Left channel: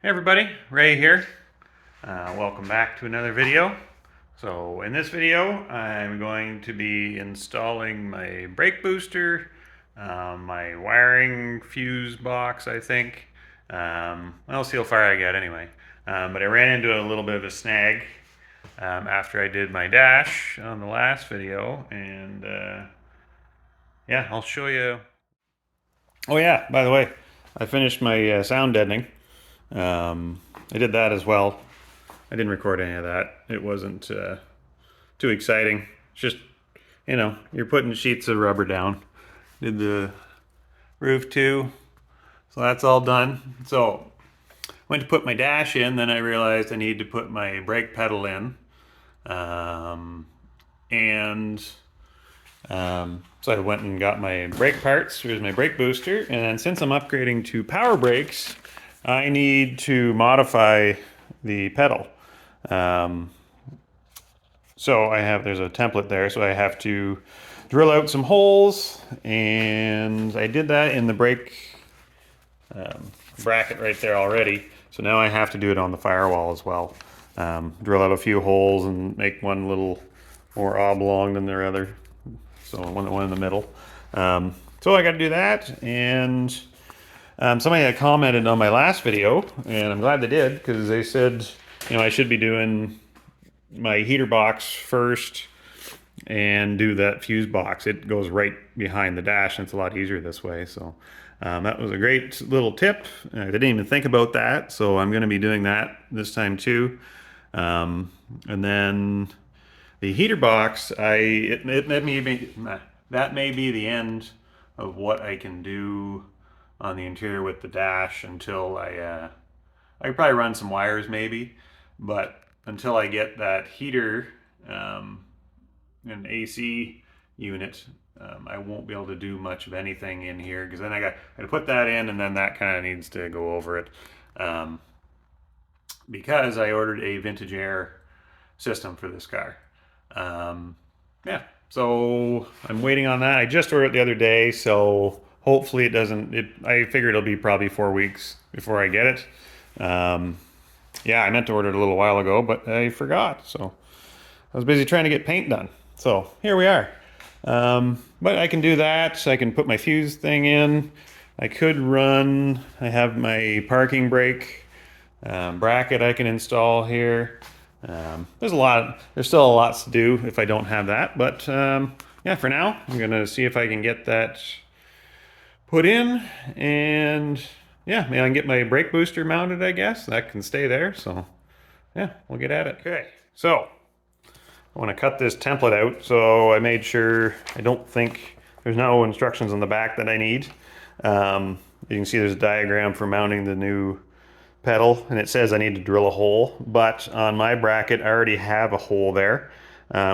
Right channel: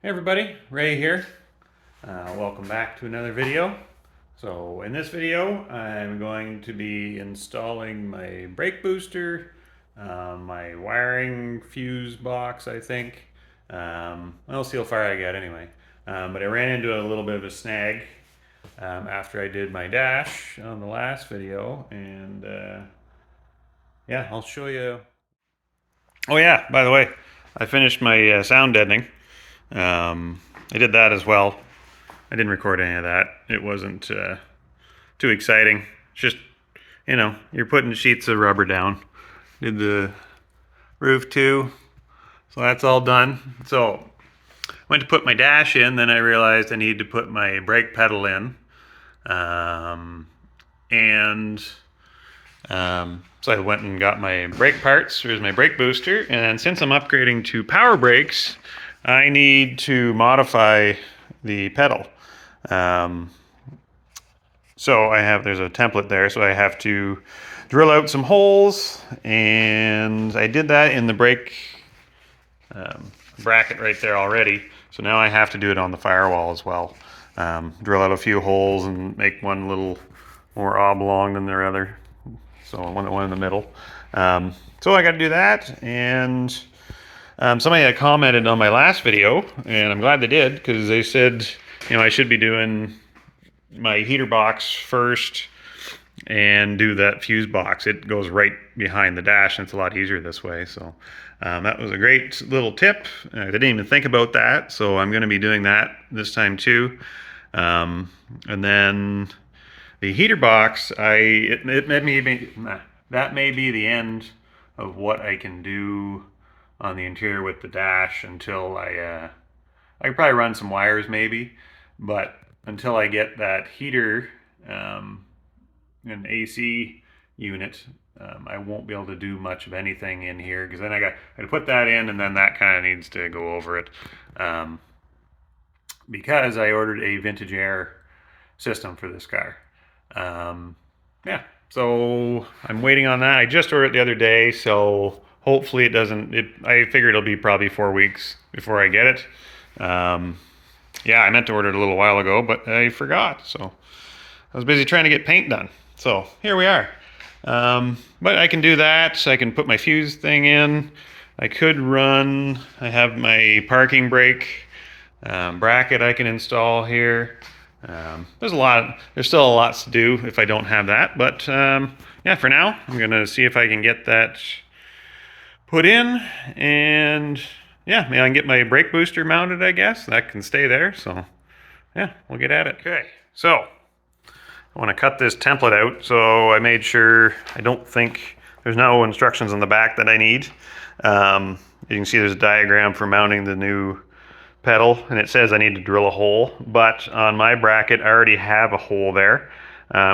Hey everybody, Ray here. Welcome back to another video. So in this video, I'm going to be installing my brake booster, my wiring fuse box, I think. I'll see how far I get anyway. But I ran into a little bit of a snag after I did my dash on the last video, and yeah, I'll show you. Oh yeah, by the way, I finished my sound deadening. I did that as well. I didn't record any of that. It wasn't too exciting. It's just, you're putting sheets of rubber down. Did the roof too. So that's all done. So went to put my dash in, then I realized I need to put my brake pedal in. And so I went and got my brake parts. Here's my brake booster. And since I'm upgrading to power brakes, I need to modify the pedal. So there's a template there, so I have to drill out some holes, and I did that in the brake bracket right there already. So now I have to do it on the firewall as well. Drill out a few holes and make one a little more oblong than the other. So one in the middle. So I got to do that, and somebody had commented on my last video, and I'm glad they did, because they said, I should be doing my heater box first and do that fuse box. It goes right behind the dash, and it's a lot easier this way. So that was a great little tip. I didn't even think about that, so I'm going to be doing that this time too. And then the heater box, that may be the end of what I can do on the interior with the dash until I could probably run some wires maybe, but until I get that heater and AC unit, I won't be able to do much of anything in here, because then I got to put that in, and then that kind of needs to go over it, because I ordered a vintage air system for this car. Yeah, so I'm waiting on that. I just ordered it the other day, so hopefully it doesn't, I figure it'll be probably 4 weeks before I get it. Yeah, I meant to order it a little while ago, but I forgot. So I was busy trying to get paint done. So here we are. But I can do that. I can put my fuse thing in. I have my parking brake bracket I can install here. There's still a lot to do if I don't have that. But yeah, for now, I'm going to see if I can get that put in, and yeah, maybe I can get my brake booster mounted, I guess. That can stay there, so yeah, we'll get at it. Okay, so I want to cut this template out, so I made sure, I don't think, there's no instructions on the back that I need. You can see there's a diagram for mounting the new pedal, and it says I need to drill a hole, but on my bracket I already have a hole there,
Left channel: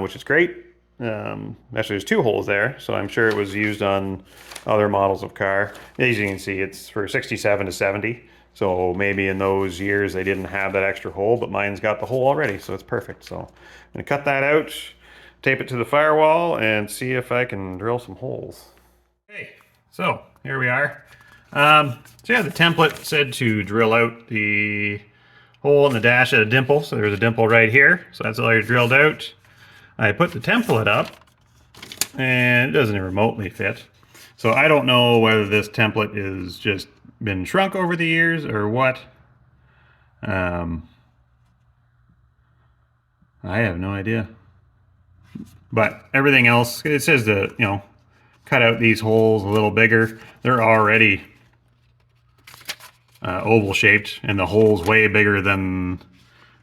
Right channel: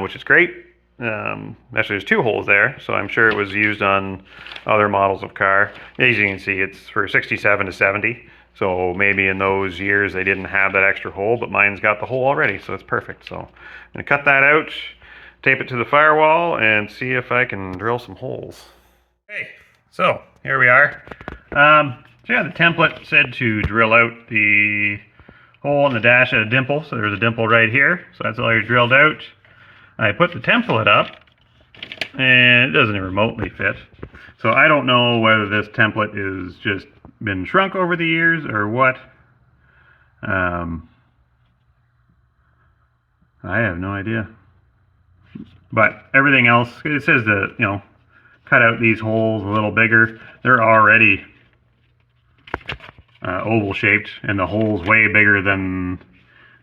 which is great. Actually, there's 2 holes there, so I'm sure it was used on other models of car. As you can see, it's for 67 to 70, so maybe in those years they didn't have that extra hole, but mine's got the hole already, so it's perfect. So I'm going to cut that out, tape it to the firewall, and see if I can drill some holes. Okay, so here we are. So yeah, the template said to drill out the hole in the dash at a dimple, so there's a dimple right here, so that's all you're drilled out. I put the template up, and it doesn't even remotely fit. So I don't know whether this template is just been shrunk over the years or what. I have no idea. But everything else, it says to, cut out these holes a little bigger. They're already oval shaped, and the hole's way bigger than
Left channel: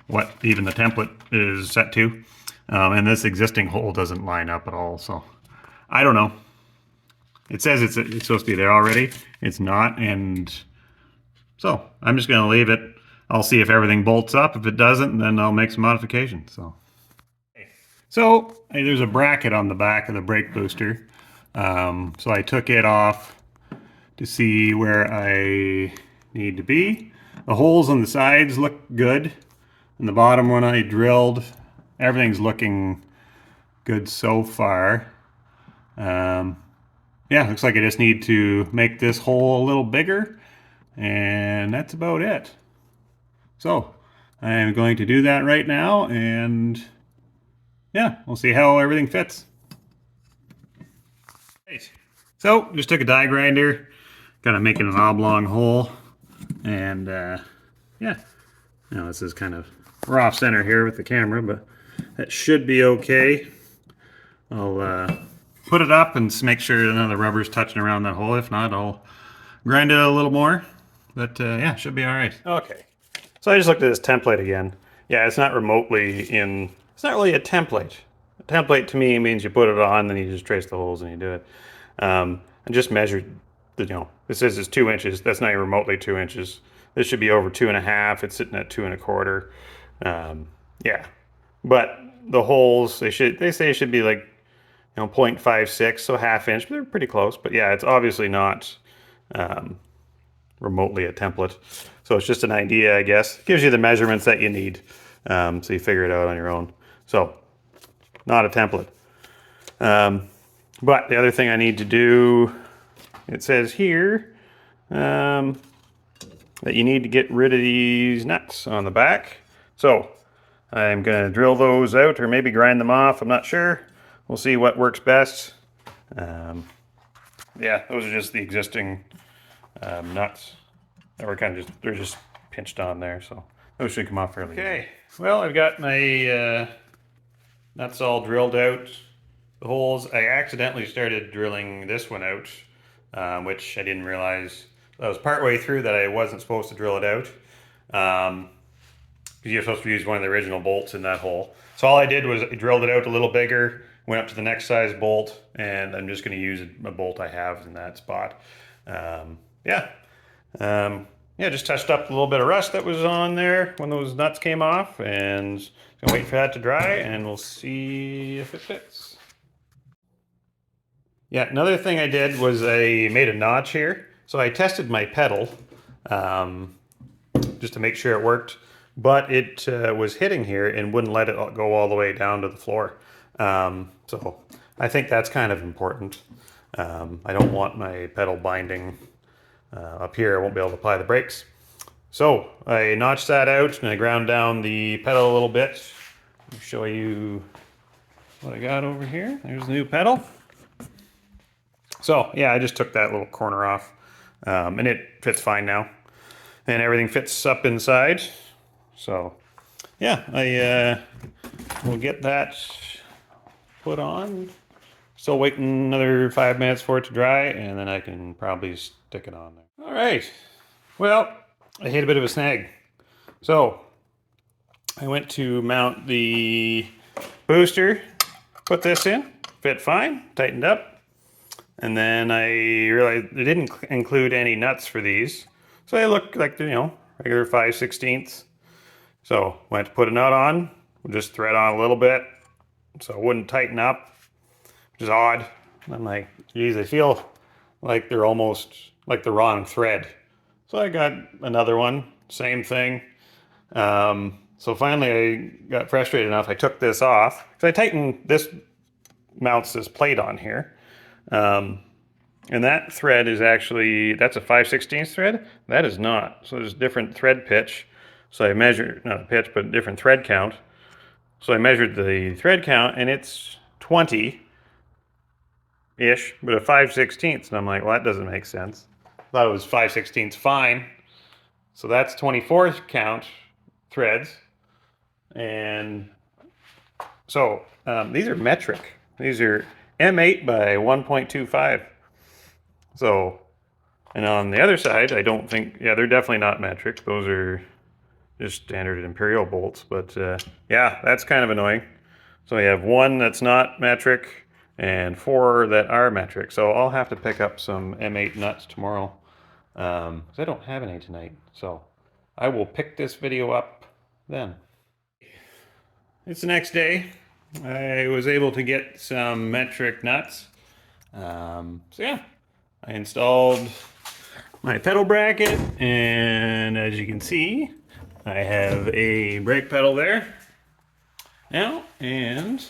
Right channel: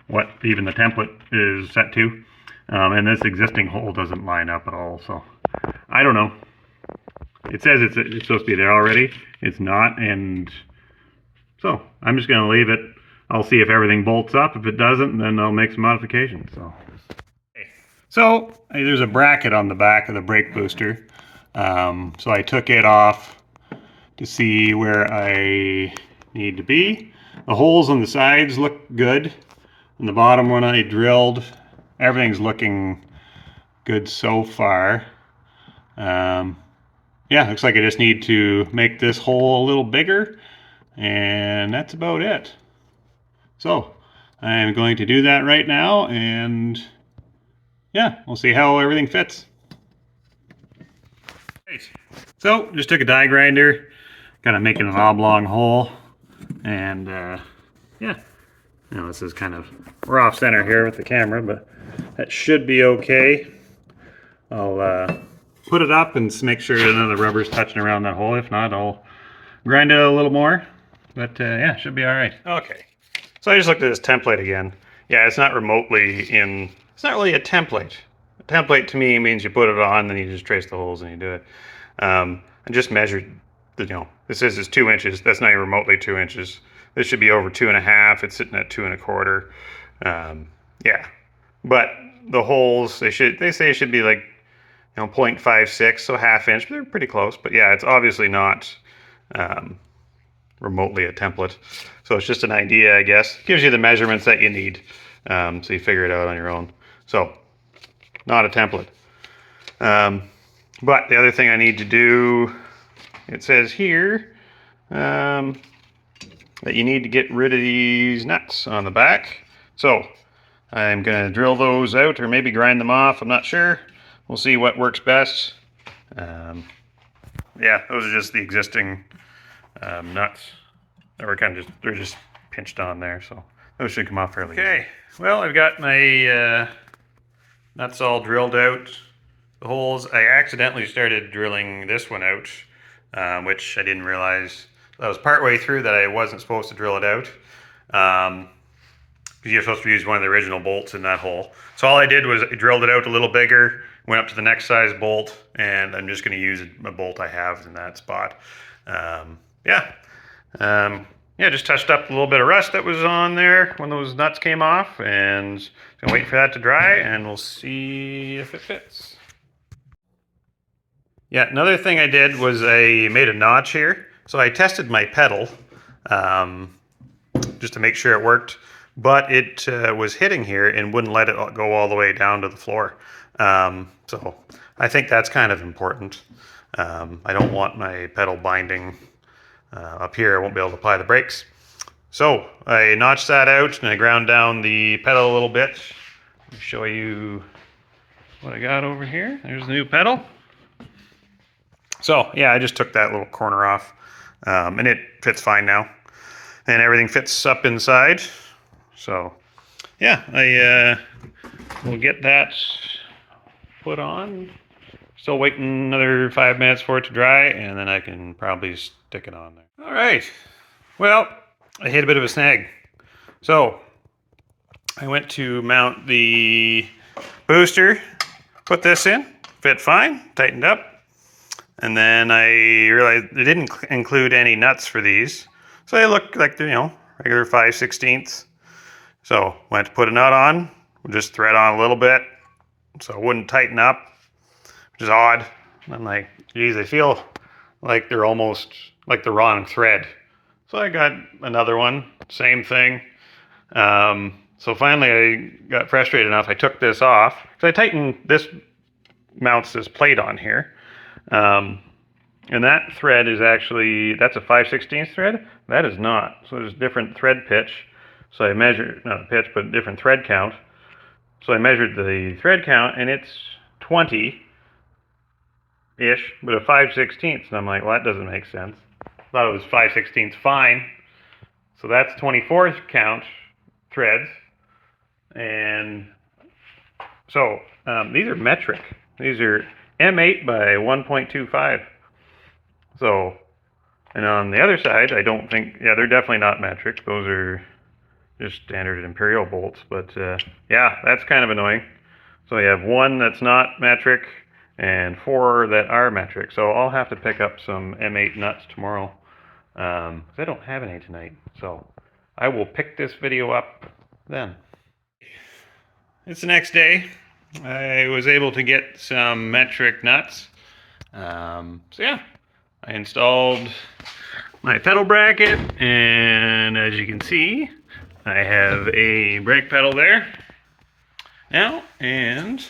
what even the template is set to. And this existing hole doesn't line up at all, so I don't know. It says it's supposed to be there already. It's not, and so I'm just going to leave it. I'll see if everything bolts up. If it doesn't, then I'll make some modifications. So there's a bracket on the back of the brake booster. So I took it off to see where I need to be. The holes on the sides look good. And the bottom one I drilled, everything's looking good so far. Yeah, looks like I just need to make this hole a little bigger, and that's about it. So I am going to do that right now, and yeah, we'll see how everything fits. Right. So just took a die grinder, kind of making an oblong hole, and yeah, this is kind of, we're off center here with the camera, but that should be okay. I'll put it up and make sure none of the rubber's touching around that hole. If not, I'll grind it a little more, but yeah, should be all right. Okay, so I just looked at this template again. Yeah, it's not remotely in, it's not really a template. A template to me means you put it on, then you just trace the holes and you do it. I just measured, it says it's 2 inches. That's not even remotely 2 inches. This should be over 2.5. It's sitting at 2 1/4. Yeah, but the holes, they say it should be like 0.56, so 1/2 inch. They're pretty close, but yeah, it's obviously not remotely a template. So it's just an idea, I guess. It gives you the measurements that you need, so you figure it out on your own. So, not a template. But the other thing I need to do, it says here that you need to get rid of these nuts on the back. So I'm going to drill those out, or maybe grind them off. I'm not sure. We'll see what works best. Yeah, those are just the existing nuts that were kind of they're just pinched on there. So those should come off fairly easy. Okay, well, I've got my nuts all drilled out. The holes, I accidentally started drilling this one out, which I didn't realize. I was partway through that I wasn't supposed to drill it out. Because you're supposed to use one of the original bolts in that hole. So all I did was I drilled it out a little bigger, went up to the next size bolt, and I'm just going to use a bolt I have in that spot. Yeah, just touched up a little bit of rust that was on there when those nuts came off, and gonna wait for that to dry, and we'll see if it fits. Yeah, another thing I did was I made a notch here. So I tested my pedal just to make sure it worked, but it was hitting here and wouldn't let it go all the way down to the floor. So I think that's kind of important. I don't want my pedal binding up here. I won't be able to apply the brakes. So I notched that out and I ground down the pedal a little bit. Let me show you what I got over here. There's the new pedal. So yeah, I just took that little corner off, and it fits fine now, and everything fits up inside. So yeah, I will get that put on. Still waiting another 5 minutes for it to dry, and then I can probably stick it on there. All right, well, I hit a bit of a snag. So I went to mount the booster, put this in, fit fine, tightened up. And then I realized it didn't include any nuts for these. So they look like, regular 5/16. So went to put a nut on, just thread on a little bit so it wouldn't tighten up, which is odd. And I'm like, geez, I feel like they're almost like the wrong thread. So I got another one, same thing. So finally I got frustrated enough, I took this off. So I tightened this, mounts this plate on here. And that thread is actually, that's a 5/16 thread. That is not. So there's different thread pitch. So I measured, not pitch, but different thread count. So I measured the thread count and it's 20-ish, but a 5/16. And I'm like, well, that doesn't make sense. I thought it was 5/16 fine. So that's 24 count threads. And so these are metric. These are M8 by 1.25. So, and on the other side, I don't think, yeah, they're definitely not metric. Those are just standard imperial bolts, but yeah, that's kind of annoying. So you have one that's not metric and 4 that are metric. So I'll have to pick up some M8 nuts tomorrow because I don't have any tonight. So I will pick this video up then. It's the next day. I was able to get some metric nuts. So yeah, I installed my pedal bracket, and as you can see, I have a brake pedal there now, and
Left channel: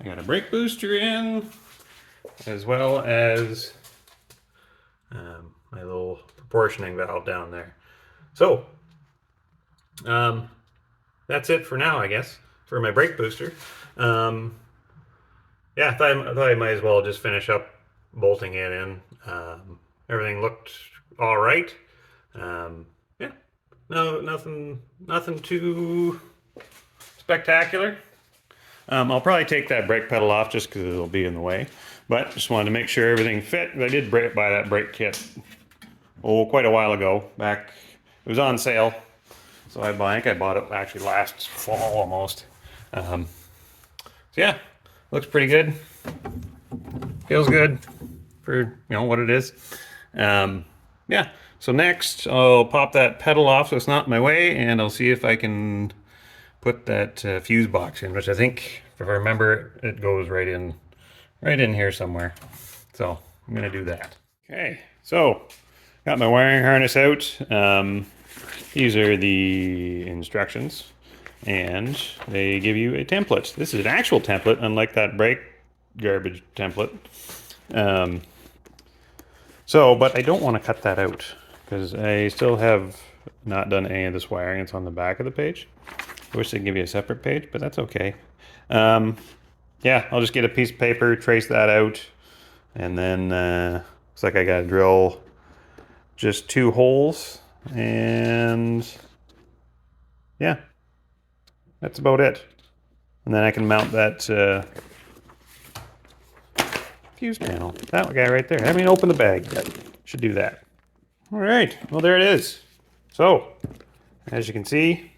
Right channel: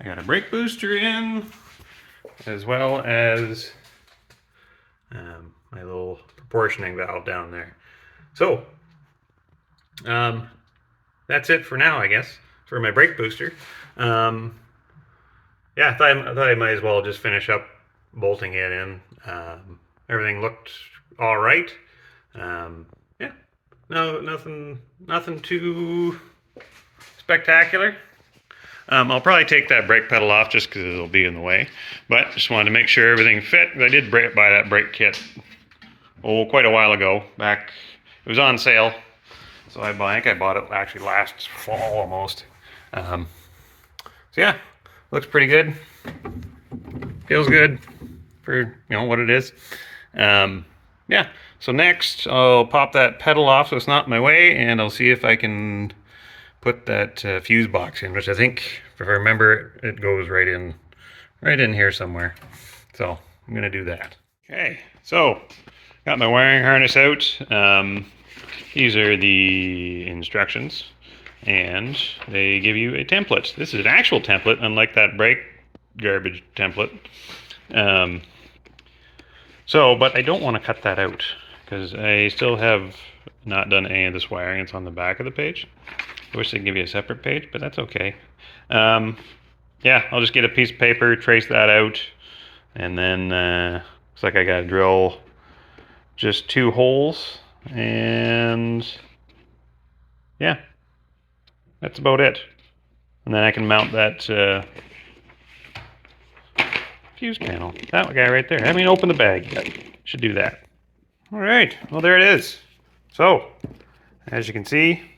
I got a brake booster in, as well as my little proportioning valve down there. So That's it for now, I guess, for my brake booster. Yeah, I thought I might as well just finish up bolting it in. Everything looked all right. Yeah, no, nothing too spectacular. I'll probably take that brake pedal off just because it'll be in the way. But just wanted to make sure everything fit. I did buy that brake kit, quite a while ago. Back, it was on sale. So I think I bought it actually last fall almost. So yeah, looks pretty good. Feels good for what it is. Yeah. So next I'll pop that pedal off so it's not in my way, and I'll see if I can put that fuse box in, which I think, if I remember, it goes right in here somewhere. So I'm gonna do that. Okay. So got my wiring harness out. These are the instructions, and they give you a template. This is an actual template, unlike that brake garbage template. But I don't want to cut that out because I still have not done any of this wiring. It's on the back of the page. I wish they'd give you a separate page, but that's okay. Yeah, I'll just get a piece of paper, trace that out, and then looks like I gotta drill just 2 holes, and yeah, that's about it. And then I can mount that fuse panel. That guy right there. I mean, open the bag. Should do that. All right. Well, there it is. So, as you can see,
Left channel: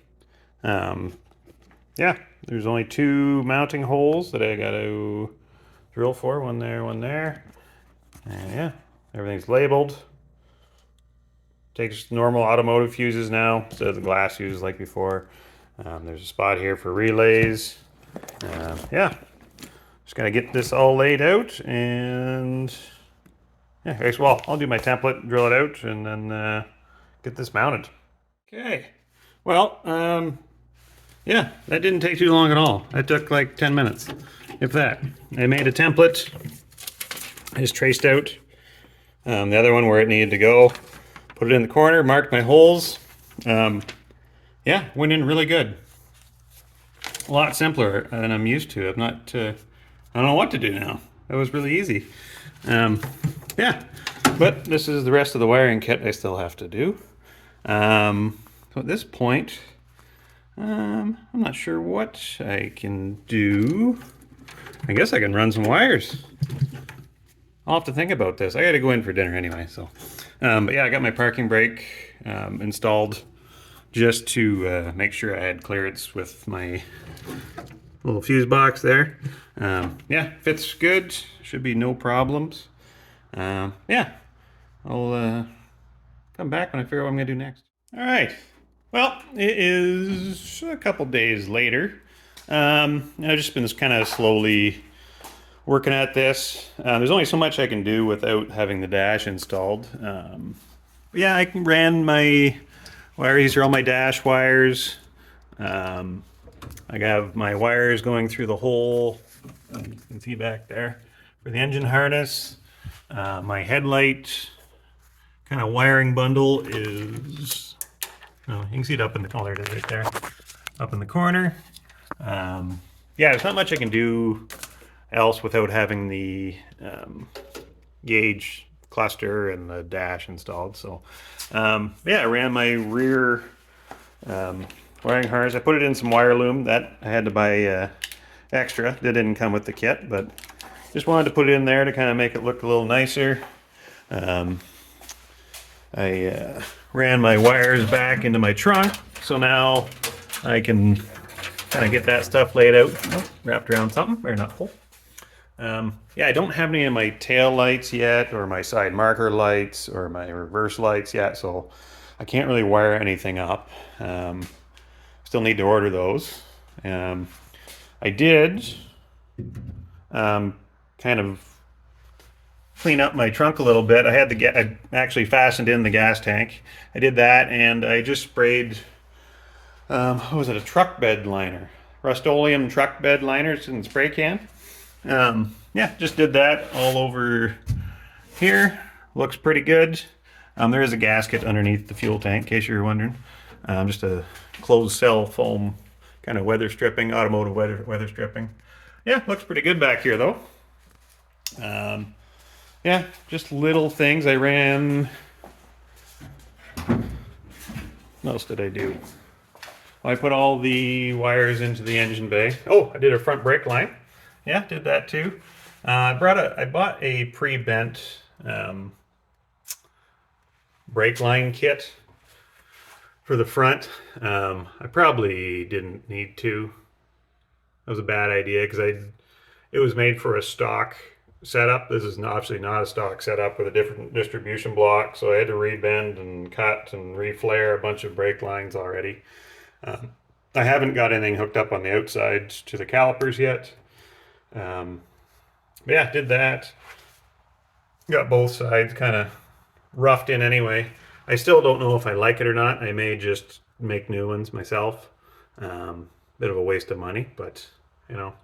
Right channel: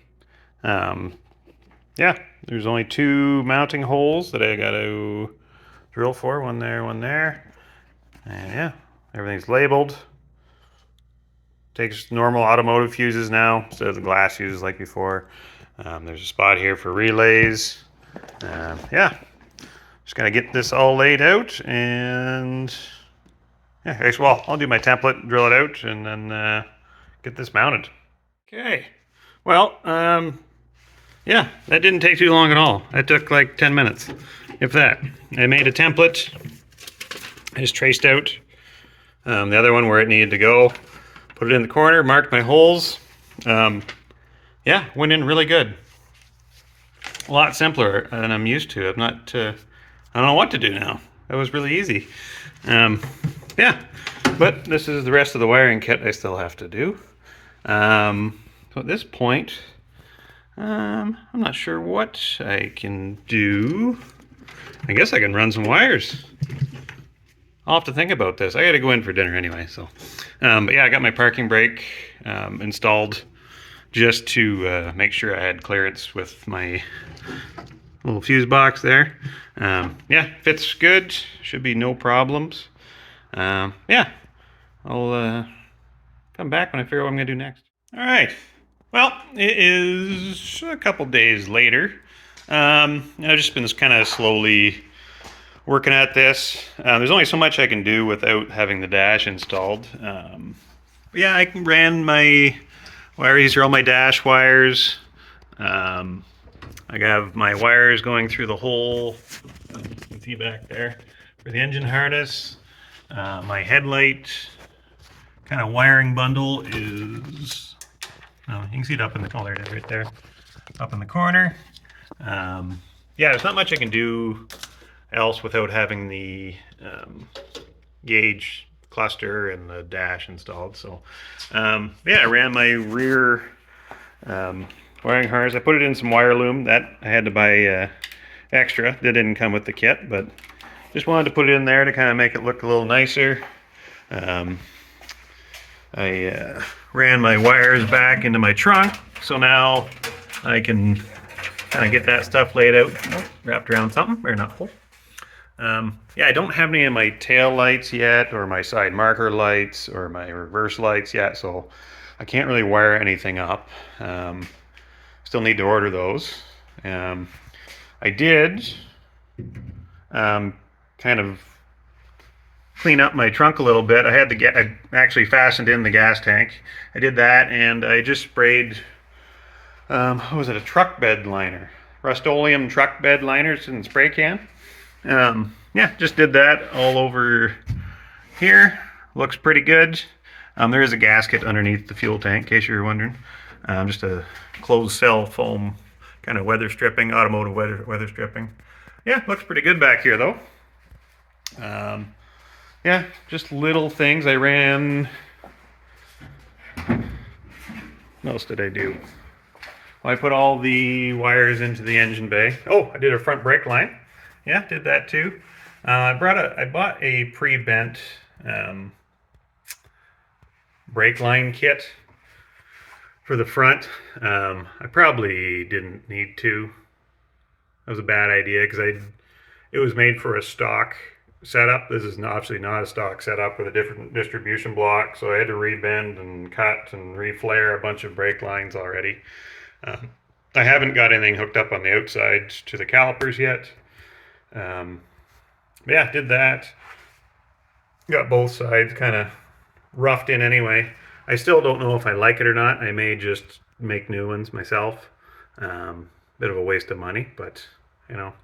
yeah, there's only 2 mounting holes that I got to drill for. One there, one there. And yeah, everything's labeled. Takes normal automotive fuses now instead of the glass fuses like before. There's a spot here for relays. Yeah, just gotta get this all laid out, and yeah, well, I'll do my template, drill it out, and then get this mounted. Okay, well, yeah, that didn't take too long at all. That took like 10 minutes, if that. I made a template, I just traced out the other one where it needed to go, put it in the corner, marked my holes. Yeah, went in really good. A lot simpler than I'm used to. I don't know what to do now. That was really easy. Yeah, but this is the rest of the wiring kit I still have to do. So at this point, I'm not sure what I can do. I guess I can run some wires. I'll have to think about this. I gotta go in for dinner anyway, so. But yeah, I got my parking brake installed just to make sure I had clearance with my little fuse box there. Yeah, fits good. Should be no problems. Yeah, I'll come back when I figure out what I'm gonna do next. All right. Well, it is a couple days later. I've just been kind of slowly working at this. There's only so much I can do without having the dash installed. Yeah, I ran my wires. These are all my dash wires. I have my wires going through the hole, you can see back there, for the engine harness. My headlight kind of wiring bundle is, oh, you can see it up in the corner right there, up in the corner. Yeah, there's not much I can do else without having the gauge cluster and the dash installed. So yeah, I ran my rear wiring harness. I put it in some wire loom that I had to buy extra. That didn't come with the kit, but just wanted to put it in there to kind of make it look a little nicer. I ran my wires back into my trunk, so now I can kind of get that stuff laid out, wrapped around something, or not full. Yeah, I don't have any of my tail lights yet, or my side marker lights, or my reverse lights yet, so I can't really wire anything up. Still need to order those. I did kind of clean up my trunk a little bit. I actually fastened in the gas tank. I did that, and I just sprayed, what was it, a truck bed liner. Rust-Oleum truck bed liners in the spray can. Yeah, just did that all over here. Looks pretty good. There is a gasket underneath the fuel tank, in case you were wondering. Just a closed cell foam kind of weather stripping, automotive weather stripping. Yeah, looks pretty good back here though. Yeah, just little things. I ran. What else did I do? Well, I put all the wires into the engine bay. Oh, I did a front brake line. Yeah, did that too. I bought a pre-bent brake line kit for the front. I probably didn't need to. That was a bad idea because it was made for a stock setup. This is obviously not a stock setup with a different distribution block, so I had to rebend and cut and reflare a bunch of brake lines already. I haven't got anything hooked up on the outside to the calipers yet. Yeah, did that. Got both sides kind of roughed in anyway. I still don't know if I like it or not. I may just make new ones myself. Bit of a waste of money, but you know,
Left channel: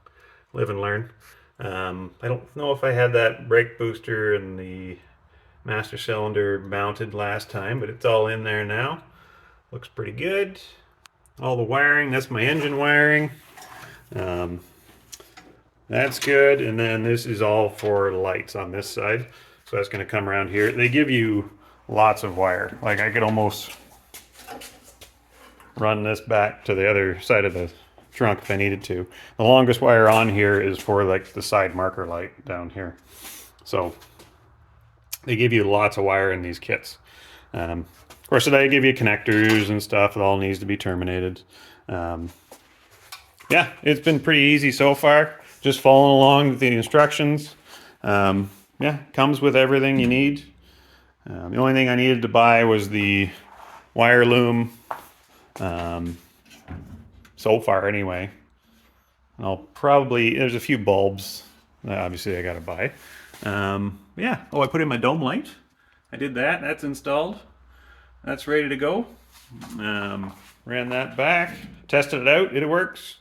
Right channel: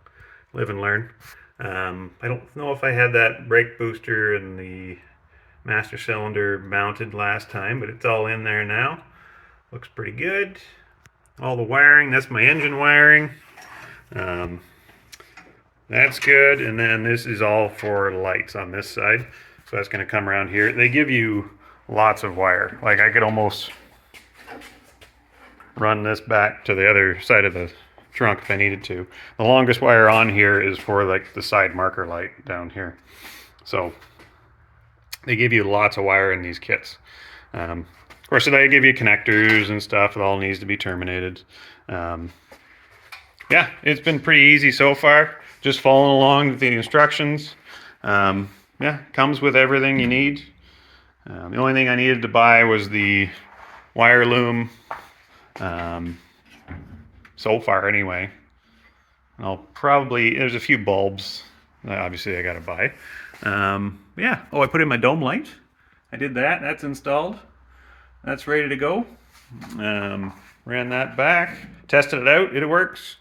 live and learn. I don't know if I had that brake booster and the master cylinder mounted last time, but it's all in there now. Looks pretty good. All the wiring, that's my engine wiring. That's good. And then this is all for lights on this side. So that's going to come around here. They give you lots of wire. Like I could almost run this back to the other side of the trunk if I needed to. The longest wire on here is for like the side marker light down here. So they give you lots of wire in these kits. Of course, they give you connectors and stuff. It all needs to be terminated. Yeah, it's been pretty easy so far. Just following along with the instructions. Yeah, comes with everything you need. The only thing I needed to buy was the wire loom. So far anyway. I'll probably, there's a few bulbs that obviously I gotta buy. Yeah, oh, I put in my dome light. I did that, that's installed. That's ready to go. Ran that back, tested it out, it works.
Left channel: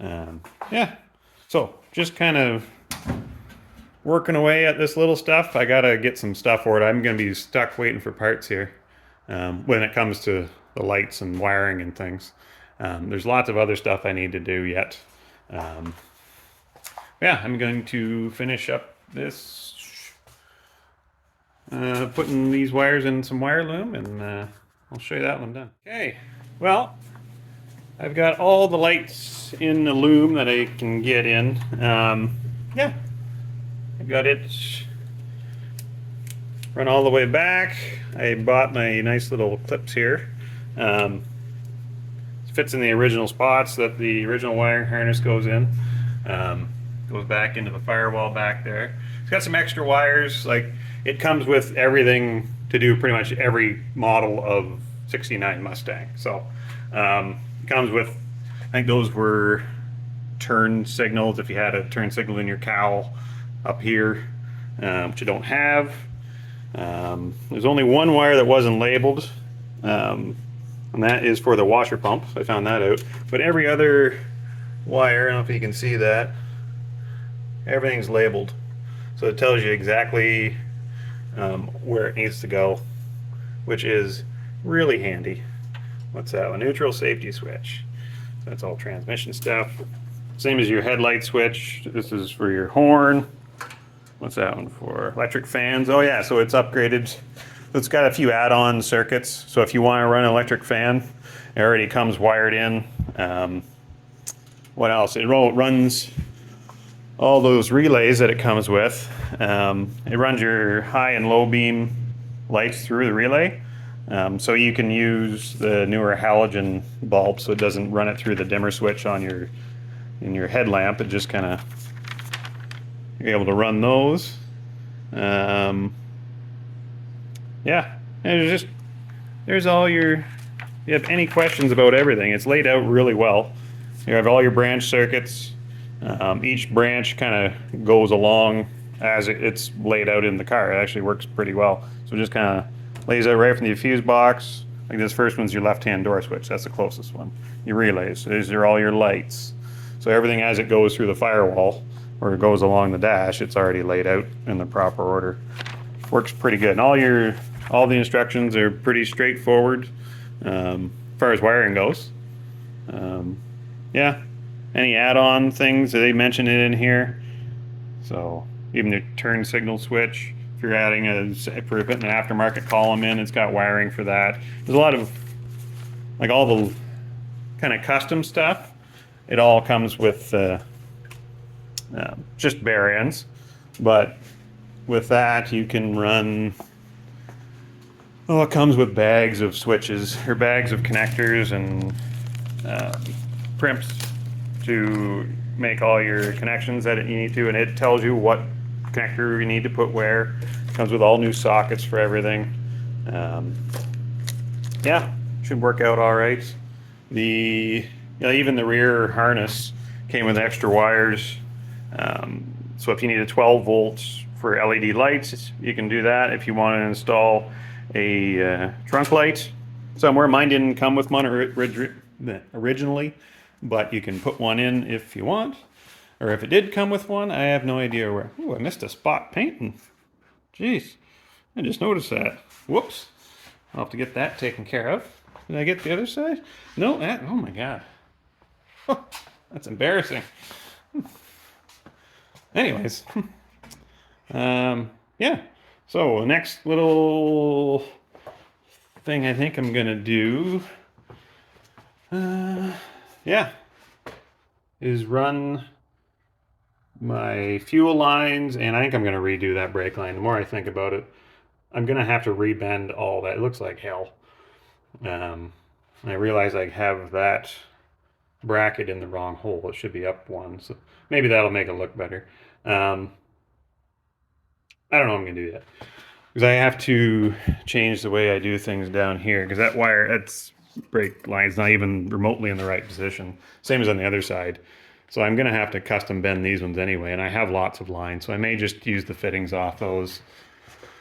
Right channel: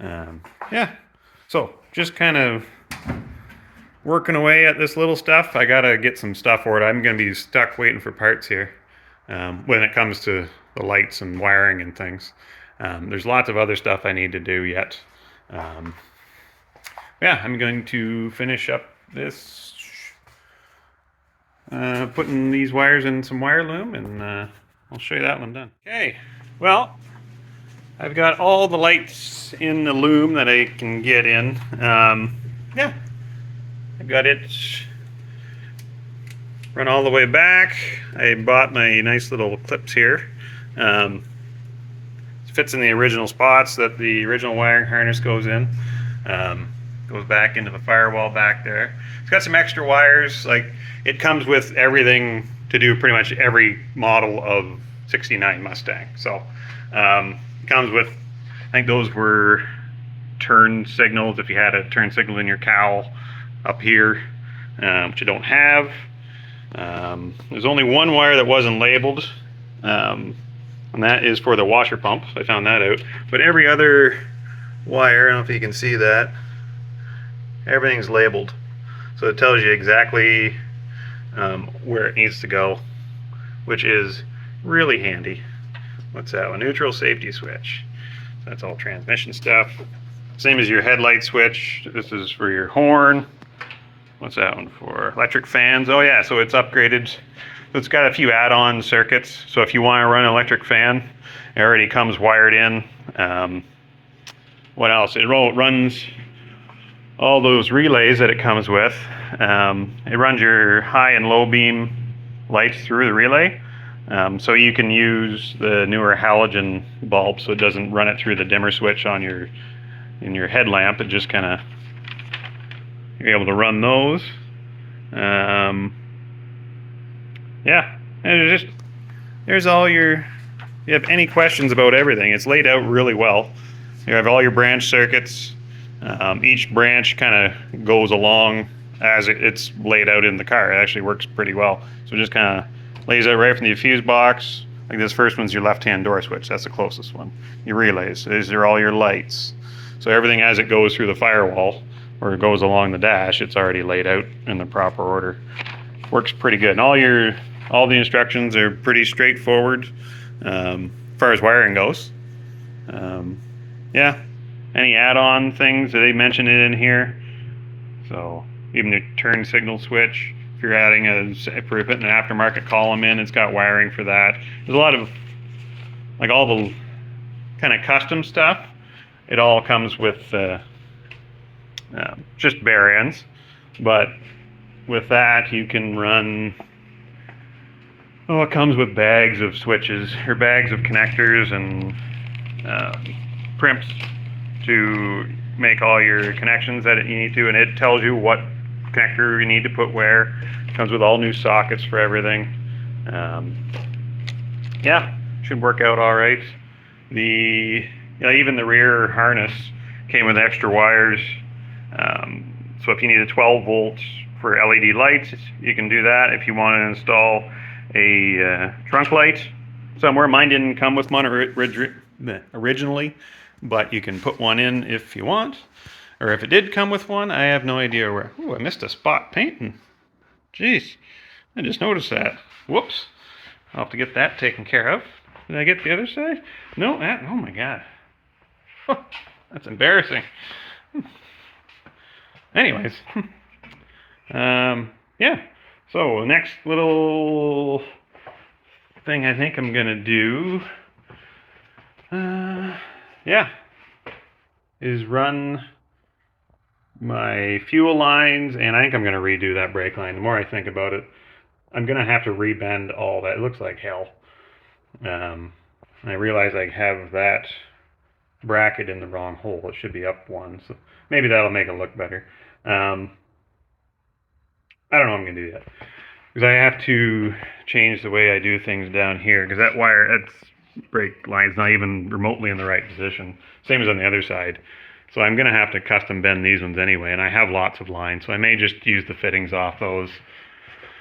Yeah, so just kind of working away at this little stuff. I gotta get some stuff ordered. I'm gonna be stuck waiting for parts here when it comes to the lights and wiring and things. There's lots of other stuff I need to do yet. Yeah, I'm going to finish up this, putting these wires in some wire loom, and I'll show you that one done. Okay, well, I've got all the lights in the loom that I can get in. Yeah, I got it run all the way back. I bought my nice little clips here. Fits in the original spots that the original wiring harness goes in. Goes back into the firewall back there. It's got some extra wires. Like it comes with everything to do pretty much every model of '69 Mustang. So it comes with, I think those were turn signals if you had a turn signal in your cowl up here, which you don't have. There's only one wire that wasn't labeled. And that is for the washer pump. I found that out. But every other wire, I don't know if you can see that, everything's labeled. So it tells you exactly where it needs to go, which is really handy. What's that? A neutral safety switch. So that's all transmission stuff. Same as your headlight switch. This is for your horn. What's that one for? Electric fans. Oh yeah, so it's upgraded. It's got a few add-on circuits, so if you want to run an electric fan, it already comes wired in. What else? It runs all those relays that it comes with. It runs your high and low beam lights through the relay, so you can use the newer halogen bulb, so it doesn't run it through the dimmer switch on your headlamp. It just kind of, you're able to run those. Yeah, and there's all your, you have any questions about everything, it's laid out really well. You have all your branch circuits. Each branch kind of goes along as it's laid out in the car. It actually works pretty well. So it just kind of lays out right from the fuse box. Like this first one's your left-hand door switch. That's the closest one. Your relays. These are all your lights. So everything as it goes through the firewall or it goes along the dash, it's already laid out in the proper order. Works pretty good. And all the instructions are pretty straightforward. far as wiring goes. Yeah, any add-on things, they mention it in here. So even the turn signal switch, if you're adding if you're putting an aftermarket column in, it's got wiring for that. There's a lot of, like, all the kind of custom stuff. It all comes with just bare ends, but with that you can run, oh, it comes with bags of switches or bags of connectors and primps to make all your connections that you need to, and it tells you what connector you need to put where. It comes with all new sockets for everything. Yeah, should work out all right. Even the rear harness came with extra wires. So if you need a 12 volts for LED lights, you can do that. If you want to install a trunk light somewhere, mine didn't come with one originally, but you can put one in if you want. Or if it did come with one, I have no idea where. Ooh, I missed a spot painting. Jeez, I just noticed that. Whoops. I'll have to get that taken care of. Did I get the other side? No, oh my God. Oh, that's embarrassing. Anyways, yeah. So the next little thing I think I'm gonna do, yeah, is run my fuel lines, and I think I'm gonna redo that brake line. The more I think about it, I'm gonna have to rebend all that. It looks like hell. I realize I have that bracket in the wrong hole. It should be up one, so maybe that'll make it look better. I don't know what I'm gonna do yet, because I have to change the way I do things down here, because that wire, that's brake line's not even remotely in the right position. Same as on the other side. So I'm gonna have to custom bend these ones anyway, and I have lots of lines, so I may just use the fittings off those,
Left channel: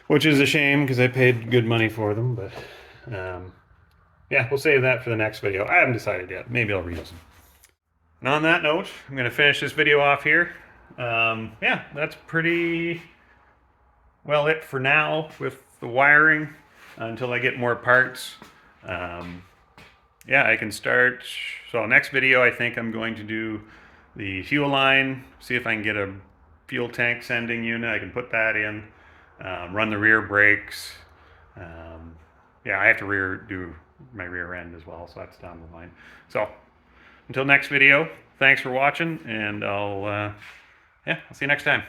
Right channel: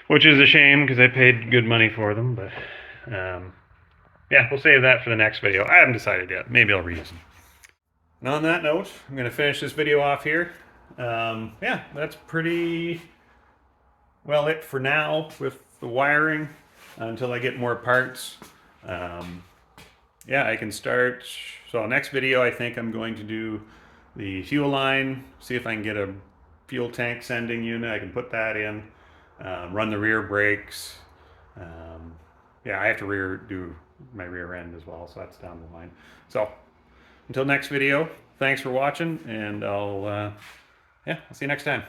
which is a shame because I paid good money for them, but yeah, we'll save that for the next video. I haven't decided yet. Maybe I'll reuse them. And on that note, I'm going to finish this video off here. Yeah, that's pretty well it for now with the wiring until I get more parts. Yeah, I can start. So next video, I think I'm going to do the fuel line, see if I can get a fuel tank sending unit. I can put that in, run the rear brakes. Yeah, I have to do my rear end as well, so that's down the line. So until next video, thanks for watching, and I'll see you next time.